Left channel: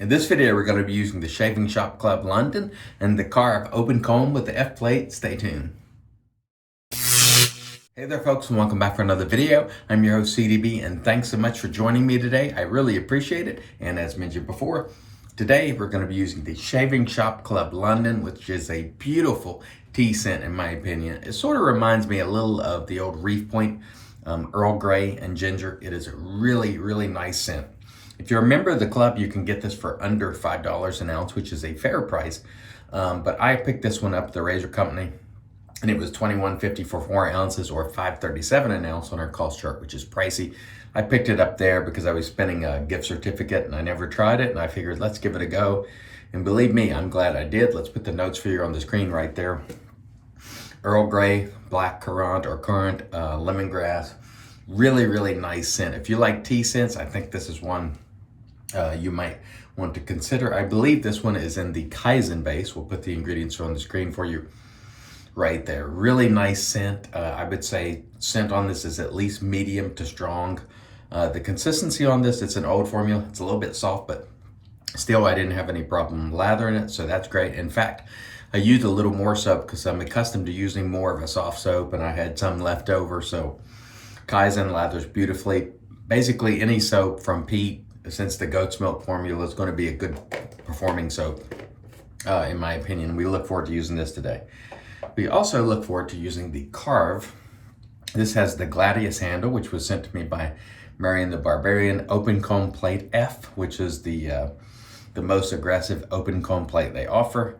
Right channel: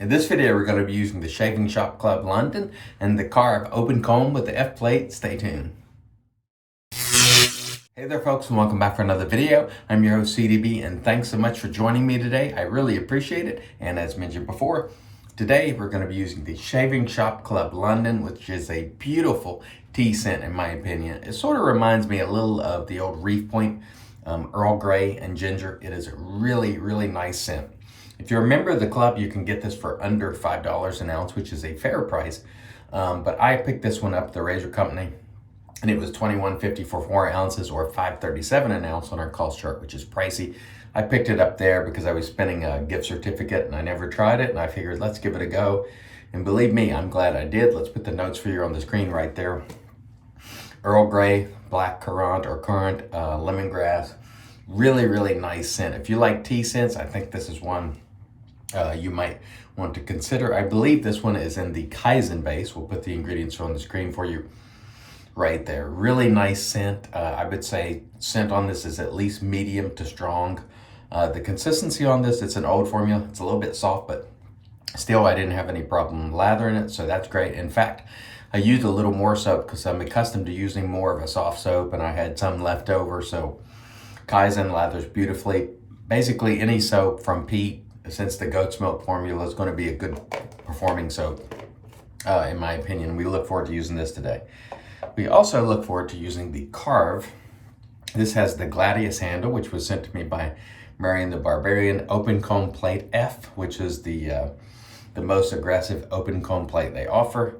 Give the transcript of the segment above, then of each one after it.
In this video, we're going to be using the Shaving Shop Club London and the Carve open comb with the F plate. Stay tuned. Hey there folks, and welcome back for another video. I'm your host CDB, and thanks so much for joining me today. I really appreciate it. And as mentioned before, today we're going to be using the Shaving Shop Club London, which is a beautiful tea scent in my opinion. It sort of reminds me a little of the old Reef Point Earl Grey and Ginger. It is a really, really nice scent. If you're a member of the club, you can get this for under $5 an ounce, which is a fair price. But I picked this one up at the Razor Company, and it was $21.50 for 4 ounces or $5.37 an ounce on our cost chart, which is pricey. I picked it up there because I was spending a gift certificate and I never tried it, and I figured let's give it a go. And believe me, I'm glad I did. Let's put the notes for you on the screen right there. Earl Grey, black currant or currant, lemongrass. Really, really nice scent. If you like tea scents, I think this is one you might want to consider. I believe this one is in the Kaizen base. We'll put the ingredients on the screen for you right there. Really nice scent. I would say scent on this is at least medium to strong. The consistency on this, it's an old formula. It's a little bit soft, but still I didn't have any problem lathering it, so that's great. In fact, I used a little more soap because I'm accustomed to using more of a soft soap, and I had some left over, so Kaizen lathers beautifully. Basically any soap from peat, since the goat's milk formula is going to be a good performing soap, in my opinion. We look forward to using this today. We also look forward to using the Carve. This has the Gladius handle, which was sent to me by Marion the Barbarian, open comb plate F, which is the most aggressive open comb plate they offer,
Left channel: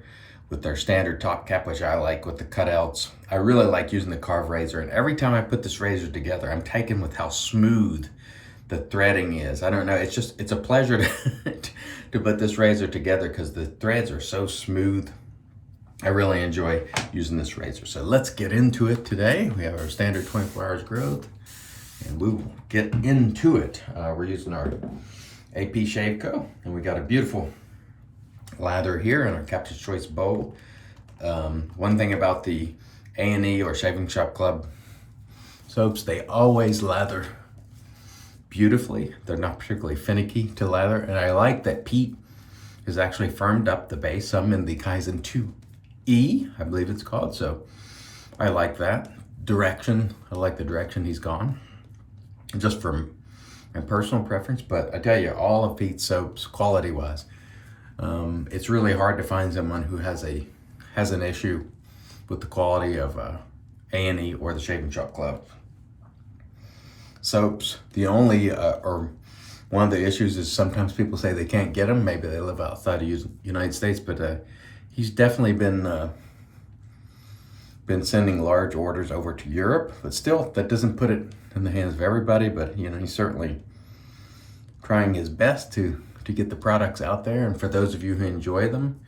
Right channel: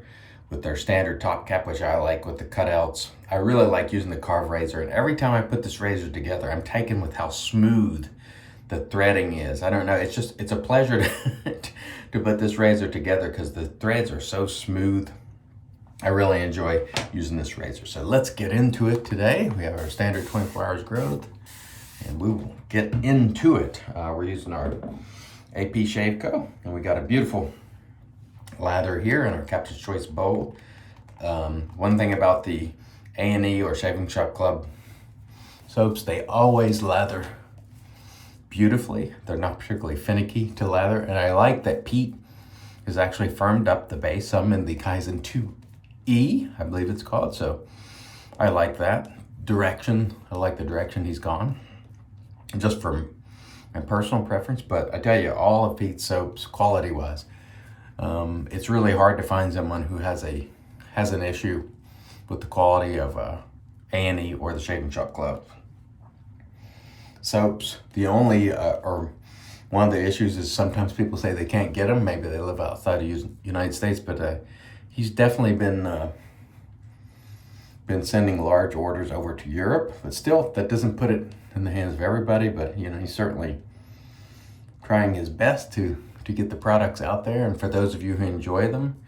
with their standard top cap, which I like, with the cutouts. I really like using the Carve razor, and every time I put this razor together, I'm taken with how smooth the threading is. I don't know, it's a pleasure to put this razor together because the threads are so smooth. I really enjoy using this razor. So let's get into it today. We have our standard 24 hours growth, and we will get into it. We're using our APShaveco, and we got a beautiful lather here in our Captain's Choice bowl. One thing about the A&E or Shaving Shop Club soaps, they always lather beautifully. They're not particularly finicky to lather, and I like that peat has actually firmed up the base some in the Kaizen 2E, I believe it's called, so I like that. Direction, I like the direction he's gone, just from my personal preference. But I tell you, all of Pete's soaps, quality-wise, it's really hard to find someone who has an issue with the quality of A&E or the Shaving Shop Club soaps. The only or one of the issues is sometimes people say they can't get them. Maybe they live outside of the United States, but he's definitely been sending large orders over to Europe. But still, that doesn't put it in the hands of everybody. But you know, he's certainly trying his best to get the products out there. And for those of you who enjoy them,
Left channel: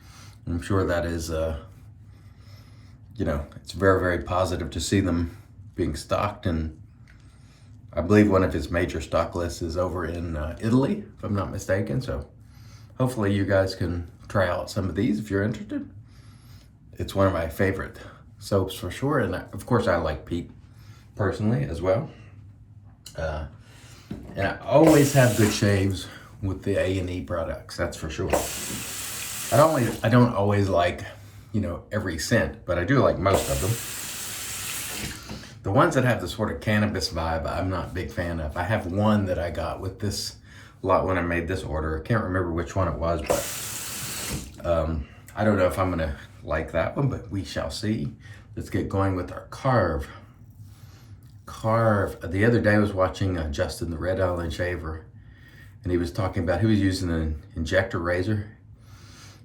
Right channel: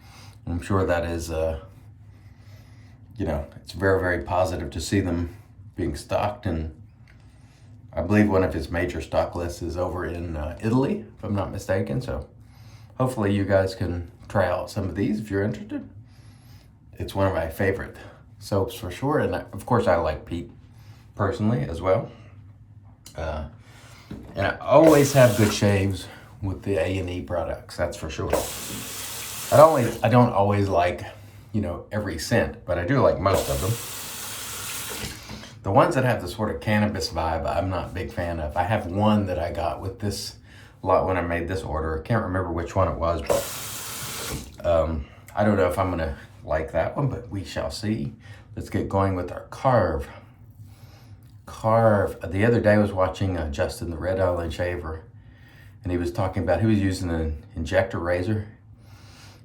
I'm sure that is you know, it's very, very positive to see them being stocked. And I believe one of his major stock lists is over in Italy, if I'm not mistaken. So hopefully you guys can try out some of these if you're interested. It's one of my favorite soaps for sure. And of course I like Pete personally as well. And I always have good shaves with the A&E products, that's for sure. I don't always like, you know, every scent, but I do like most of them. The ones that have the sort of cannabis vibe, I'm not a big fan of. I have one that I got with this lot when I made this order. I can't remember which one it was, but I don't know if I'm gonna like that one, but we shall see. Let's get going with our Carve. Carve. The other day I was watching Justin the Red Island Shaver, and he was talking about, he was using an injector razor,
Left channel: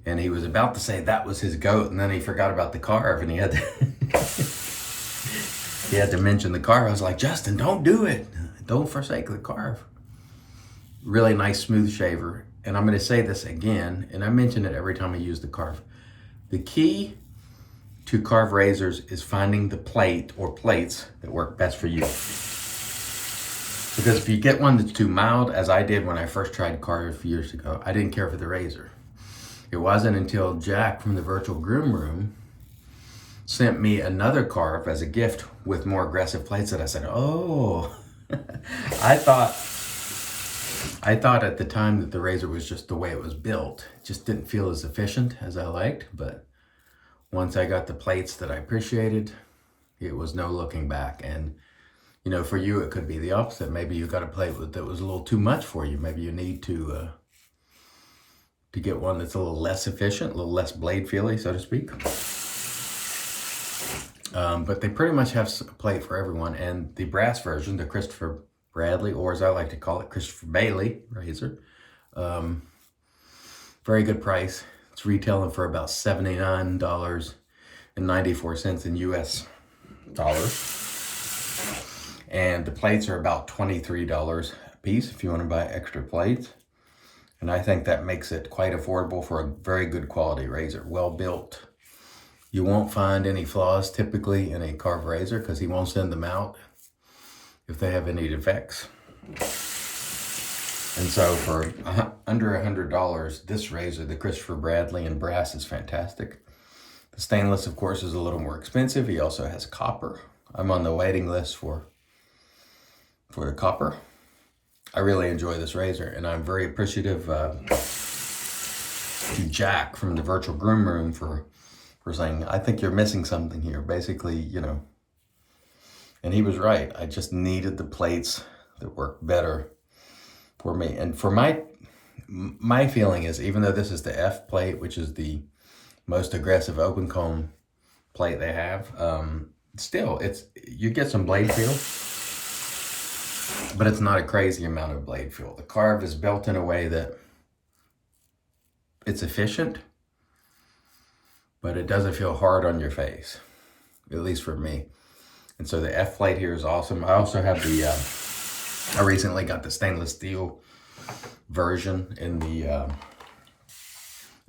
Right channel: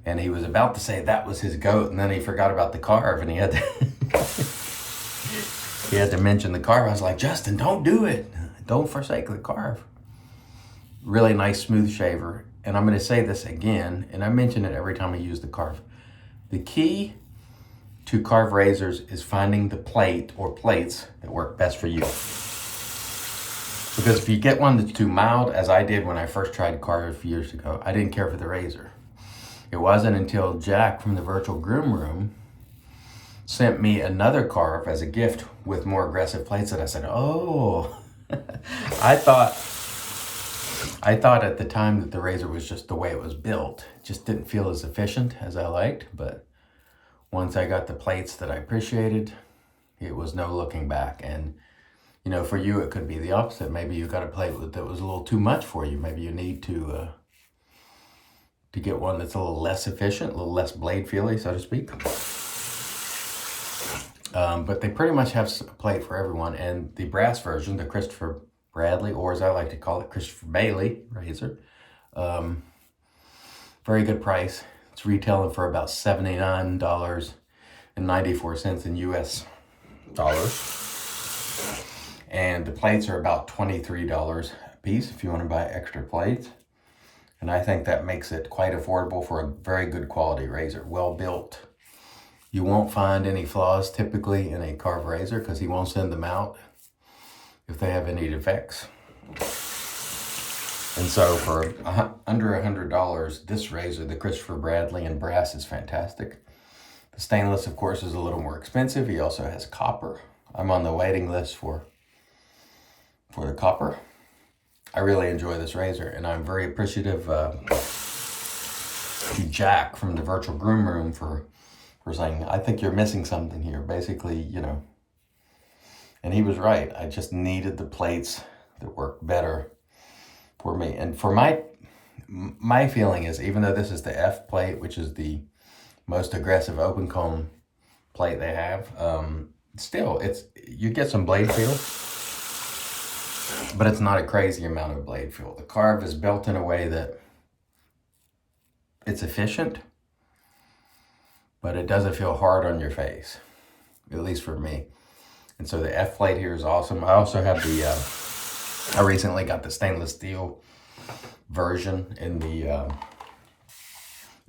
and he was about to say that was his goat, and then he forgot about the Carve, and he had to he had to mention the Carve. I was like, Justin, don't do it. Don't forsake the Carve. Really nice, smooth shaver. And I'm going to say this again, and I mention it every time I use the Carve. The key to Carve razors is finding the plate or plates that work best for you. Because if you get one that's too mild, as I did when I first tried Carve a few years ago, I didn't care for the razor. It wasn't until Jack from the Virtual Groom Room sent me another Carve as a gift with more aggressive plates that I said, oh, I thought I thought at the time that the razor was just the way it was built. It just didn't feel as efficient as I liked, but once I got the plates that I appreciated, it was no looking back. And you know, for you, it could be the opposite. Maybe you got a plate that was a little too much for you. Maybe you need to get one that's a little less efficient, a little less blade feely, so to speak. But they pretty much have a plate for everyone. And the brass version, the Christopher Bradley, or as I like to call it, Christopher Bailey razor, very good price. It's retailing for about $79.94 in US dollars. And the plates are about $23 a piece if you want to buy extra plates. And I think that makes it quite affordable for a very good quality razor, well built. You won't find any flaws typically in a Carve razor because he won't send them out if they have any defects. And so for under $100, this razor, the Christopher Bradley in brass, is fantastic. The stainless, of course, is a little more expensive. He also has copper. I'm on the waiting list for the copper. I really enjoy this razor, and I'm very appreciative to Jack from the Virtual Groom Room for saying, I think you're missing something here. Basically, you know, and he was right. I just needed the plates that work better for me. And for my feeling is, even though this is the F plate, which is the most aggressive open comb plate they have, still, you get some blade feel, but it's not a crazy amount of blade feel. The Carve is built in a way that it's efficient, but it doesn't feel hard on your face, at least for me. And so the F plate here is awesome. I also have I recently got the stainless steel version in the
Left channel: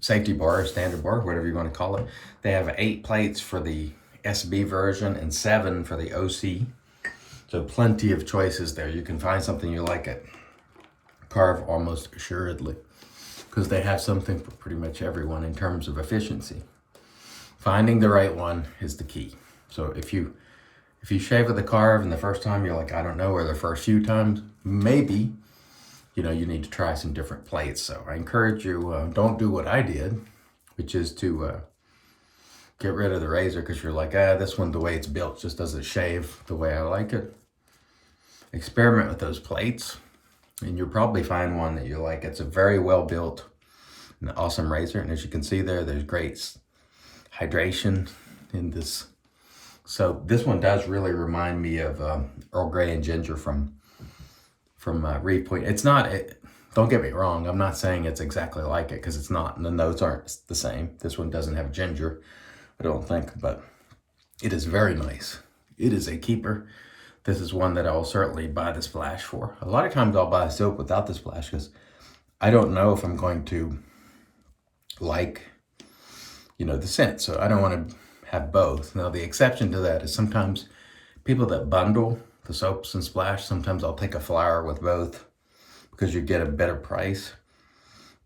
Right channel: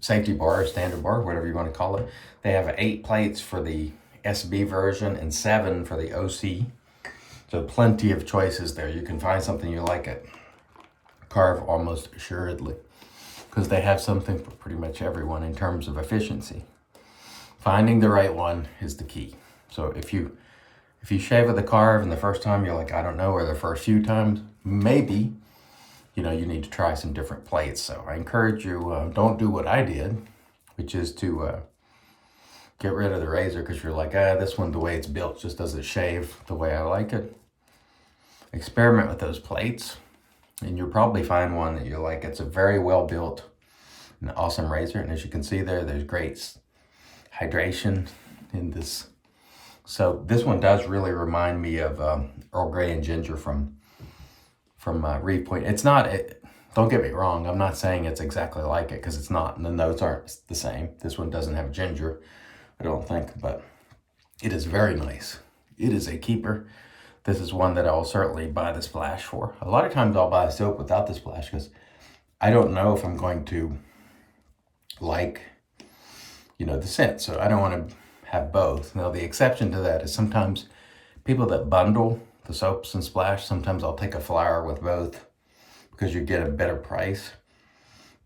safety bar, or standard bar, whatever you want to call it. They have 8 plates for the SB version and 7 for the OC. So plenty of choices there. You can find something you like at Carve almost assuredly, because they have something for pretty much everyone in terms of efficiency. Finding the right one is the key. So if you shave with the Carve and the first time you're like, I don't know, or the first few times, maybe, you know, you need to try some different plates. So I encourage you, don't do what I did, which is to get rid of the razor because you're like, this one, the way it's built, just doesn't shave the way I like it. Experiment with those plates, and you'll probably find one that you like. It's a very well built and awesome razor. And as you can see there's great hydration in this. So this one does really remind me of Earl Grey and Ginger from Reef Point. It's not, don't get me wrong, I'm not saying it's exactly like it, because it's not, and the notes aren't the same. This one doesn't have ginger, I don't think, but it is very nice. It is a keeper. This is one that I'll certainly buy the splash for. A lot of times I'll buy soap without the splash because I don't know if I'm going to like, you know, the scent. So I don't want to have both. Now the exception to that is sometimes people that bundle the soaps and splash, sometimes I'll take a flower with both because you get a better price.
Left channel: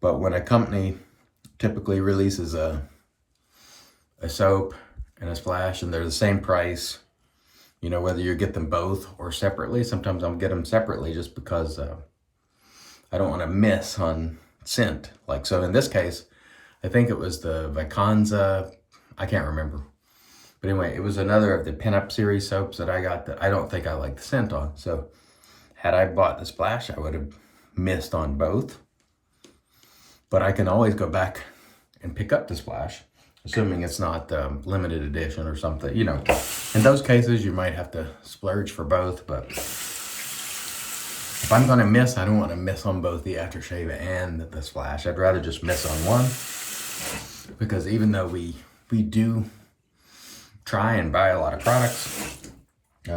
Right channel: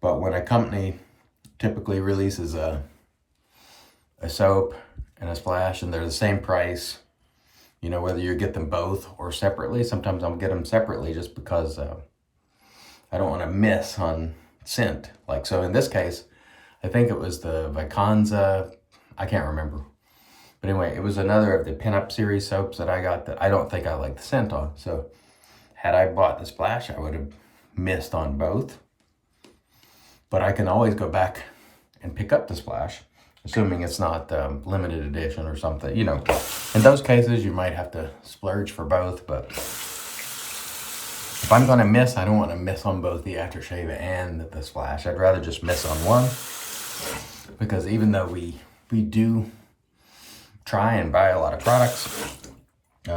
But when a company typically releases a soap and a splash and they're the same price, you know, whether you get them both or separately, sometimes I'll get them separately just because I don't want to miss on scent. Like, so in this case, I think it was the Vicanza, I can't remember. But anyway, it was another of the pinup series soaps that I got that I don't think I like the scent on. So had I bought the splash, I would have missed on both. But I can always go back and pick up the splash, assuming it's not limited edition or something. You know, in those cases, you might have to splurge for both. But if I'm going to miss, I don't want to miss on both the aftershave and the splash. I'd rather just miss on one. Because even though we do try and buy a lot of products,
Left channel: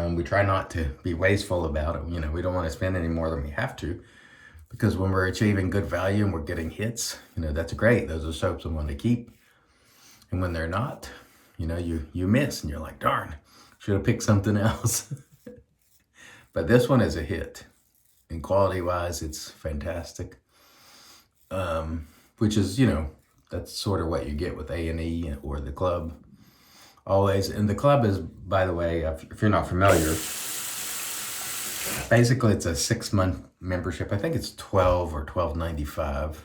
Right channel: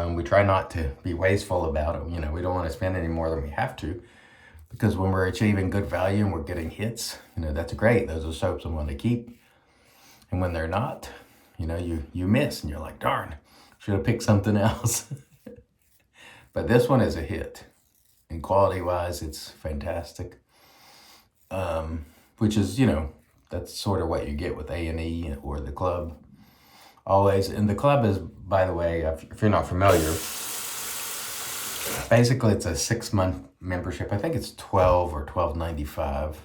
we try not to be wasteful about it. You know, we don't want to spend any more than we have to, because when we're achieving good value and we're getting hits, you know, that's great. Those are soaps I want to keep. And when they're not, you know, you miss and you're like, darn, should have picked something else. But this one is a hit. And quality wise, it's fantastic. Which is, you know, that's sort of what you get with A&E or the Club. Always. And the Club is, by the way, if you're not familiar, Basically, it's a 6-month membership. I think it's $12 or $12.95.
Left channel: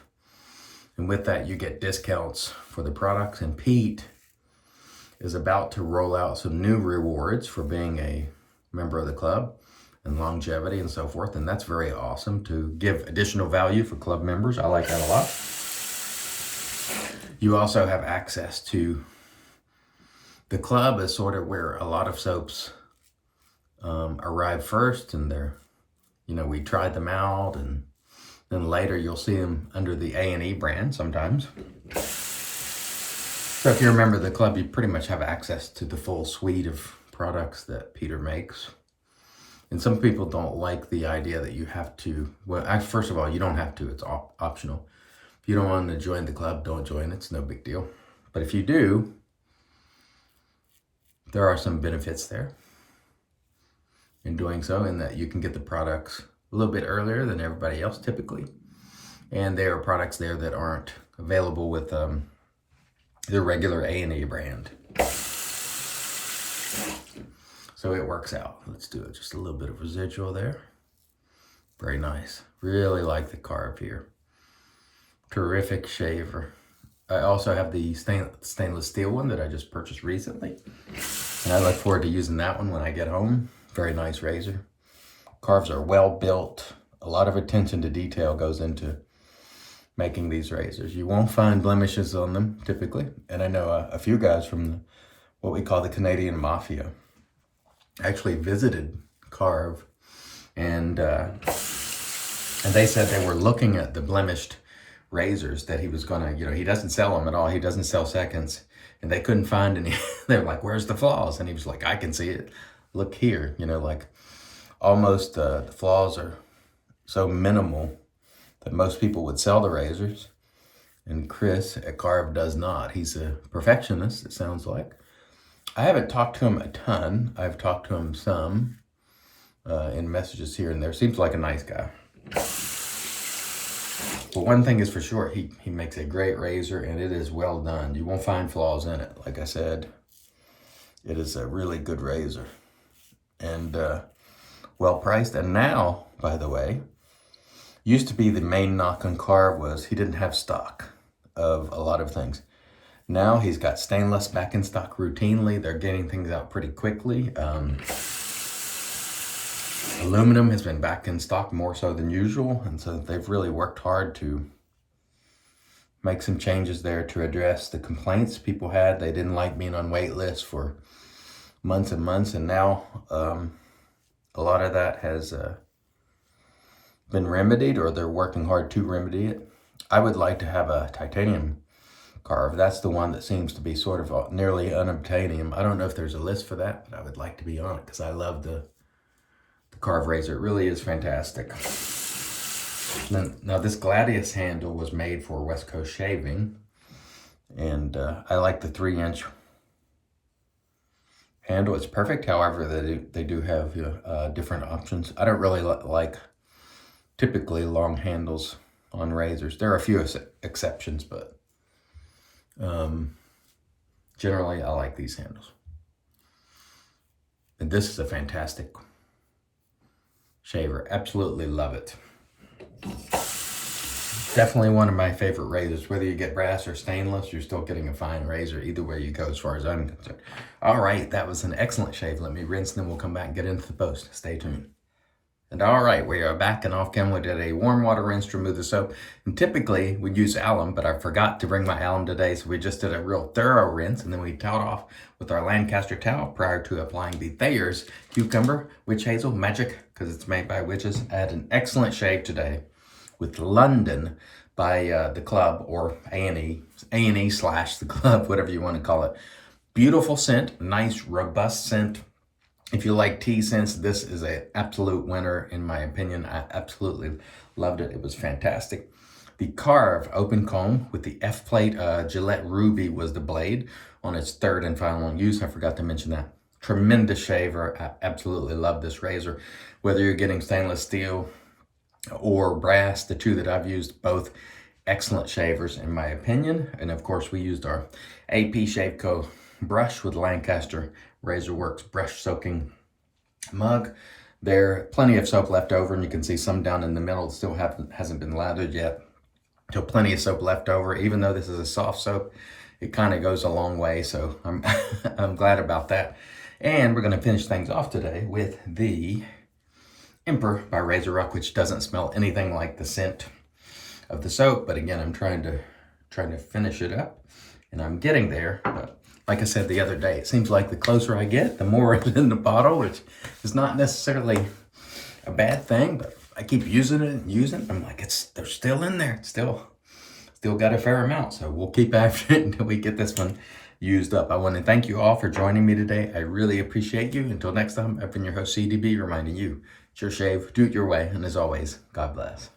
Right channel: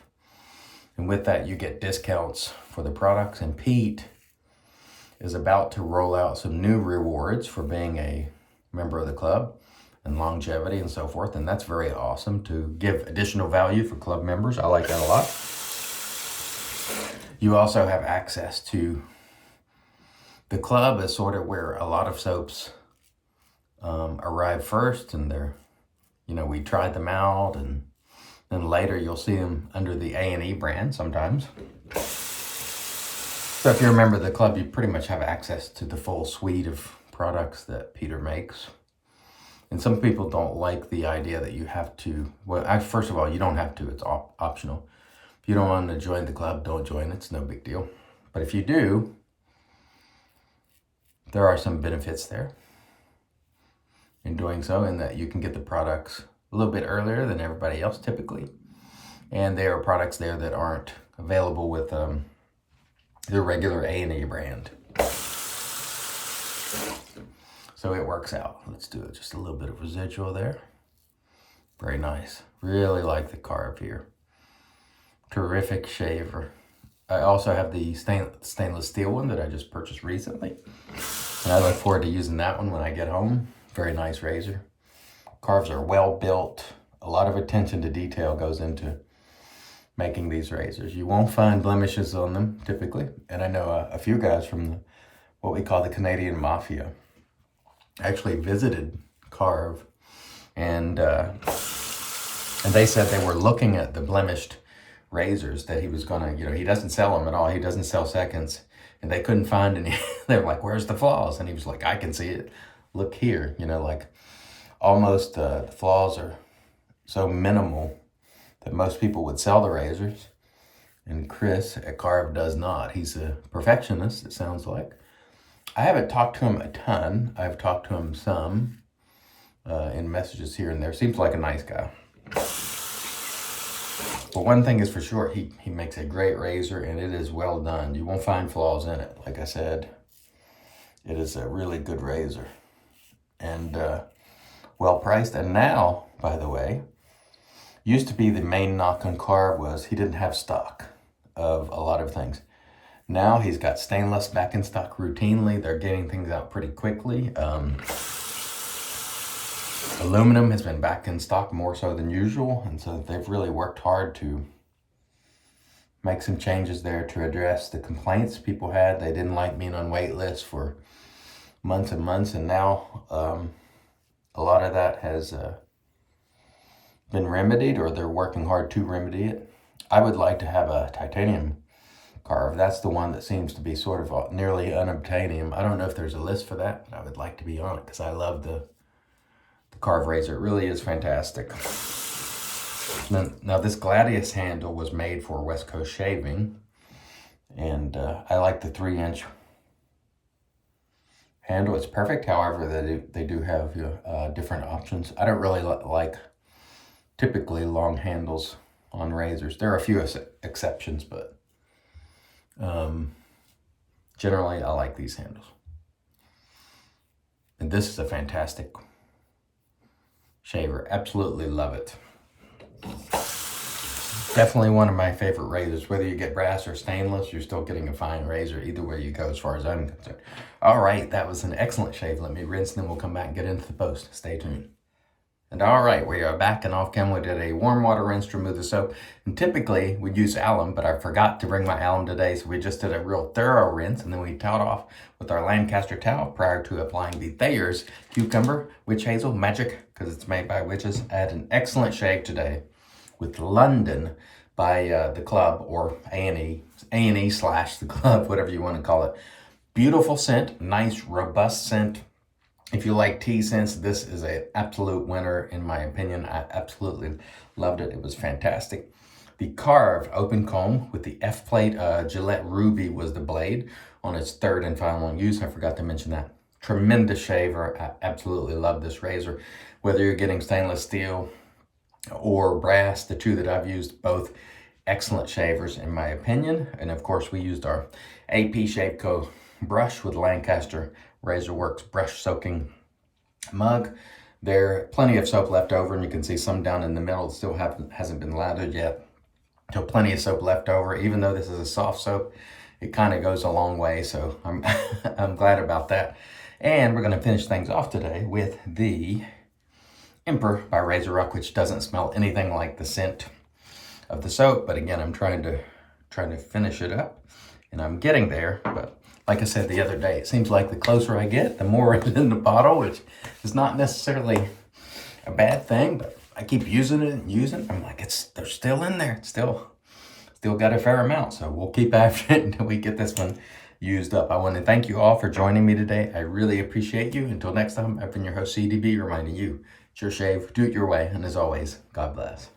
And with that, you get discounts for the products. And Pete is about to roll out some new rewards for being a member of the club and longevity and so forth. And that's very awesome to give additional value for club members. I like that a lot. You also have access to the club is sort of where a lot of soaps arrive first, and they're, we tried them out, and then later you'll see them under the A&E brand sometimes. So if you're a member of the club, you pretty much have access to the full suite of products that Peter makes. And some people don't like the idea that you have to, first of all, you don't have to, it's optional. If you don't want to join the club, don't join, it's no big deal. But if you do, there are some benefits there in doing so, in that you can get the products a little bit earlier than everybody else typically. And there are products there that aren't available with the regular A&E brand. So it works out. Let's do it. Just a little bit of residual there. Very nice. Really like the Carve here. Terrific shaver. I also have the stainless steel one that I just purchased recently. And I look forward to using that one when I get home. Very nice razor. Carves are well built. A lot of attention to detail goes into making these razors. You won't find blemishes on them typically. And I know a few guys from what we call the Canadian Mafia actually visited Carve, and they said they were looking at the blemished razors that he was gonna, he doesn't sell them at all. He doesn't sell seconds, and they couldn't find any. They're like, "Where's the flaws?" And he was like, "I can see it. Look here." Like almost the flaws are so minimal that most people would sell the razors, and Chris at Carve does not. He's a perfectionist, it sounds like. I haven't talked to him a ton. I've talked to him some in messages here and there. Seems like a nice guy. But one thing is for sure, he makes a great razor, and it is well done. You won't find flaws in it. Like I said, it is a really good razor and well priced. And now, by the way, used to be the main knock on Carve was he didn't have stock of a lot of things. Now he's got stainless back in stock routinely. They're getting things out pretty quickly. Aluminum has been back in stock more so than usual. And so they've really worked hard to make some changes there to address the complaints people had. They didn't like being on wait lists for months and months. And now a lot of that has been remedied, or they're working hard to remedy it. I would like to have a titanium Carve. That's the one that seems to be sort of nearly unobtainium. I don't know if there's a list for that, but I would like to be on it because I love the Carve razor. It really is fantastic. Now this Gladius handle was made for West Coast shaving, and I like the 3-inch handle. It's perfect. However, they do have different options. I don't really like typically long handles on razors. There are a few exceptions, but generally I like these handles. And this is a fantastic shaver. Absolutely love it. Definitely one of my favorite razors. Whether you get brass or stainless, you're still getting a fine razor either way you go, as far as I'm concerned. All right, that was an excellent shave. Let me rinse, and then we'll come back and get into the post. Stay tuned. And all right, we are back, and off camera we did a warm water rinse to remove the soap. And typically we'd use alum, but I forgot to bring my alum today, so we just did a real thorough rinse, and then we towed off with our Lancaster towel prior to applying the Thayer's Cucumber Witch Hazel Magic, because it's made by witches. I had an excellent shave today with London by the club, or A&E / the club, whatever you want to call it. Beautiful scent, nice robust scent. If you like tea scents, this is an absolute winner in my opinion. I absolutely loved it. It was fantastic. The Carve open comb with the F-plate Gillette Ruby was the blade on its third and final use. I forgot to mention that. Tremendous shaver. I absolutely love this razor. Whether you're getting stainless steel or brass, the two that I've used, both excellent shavers in my opinion. And of course we used our APShaveco brush with Lancaster RazoRock's brush soaking mug. There are plenty of soap left over, and you can see some down in the middle that still hasn't been lathered yet. So plenty of soap left over. Even though this is a soft soap, it kind of goes a long way, so I'm I'm glad about that. And we're going to finish things off today with the Emperor by RazoRock, which doesn't smell anything like the scent of the soap. But again, I'm trying to finish it up, and I'm getting there. But like I said the other day, it seems like the closer I get, the more it's in the bottle, which is not necessarily a bad thing, but I keep using it and using it. I'm like, they're still in there. It's still got a fair amount. So we'll keep after it until we get this one used up. I want to thank you all for joining me today. I really appreciate you. Until next time, I've been your host, CDB, reminding you, it's your shave, do it your way. And as always, God bless.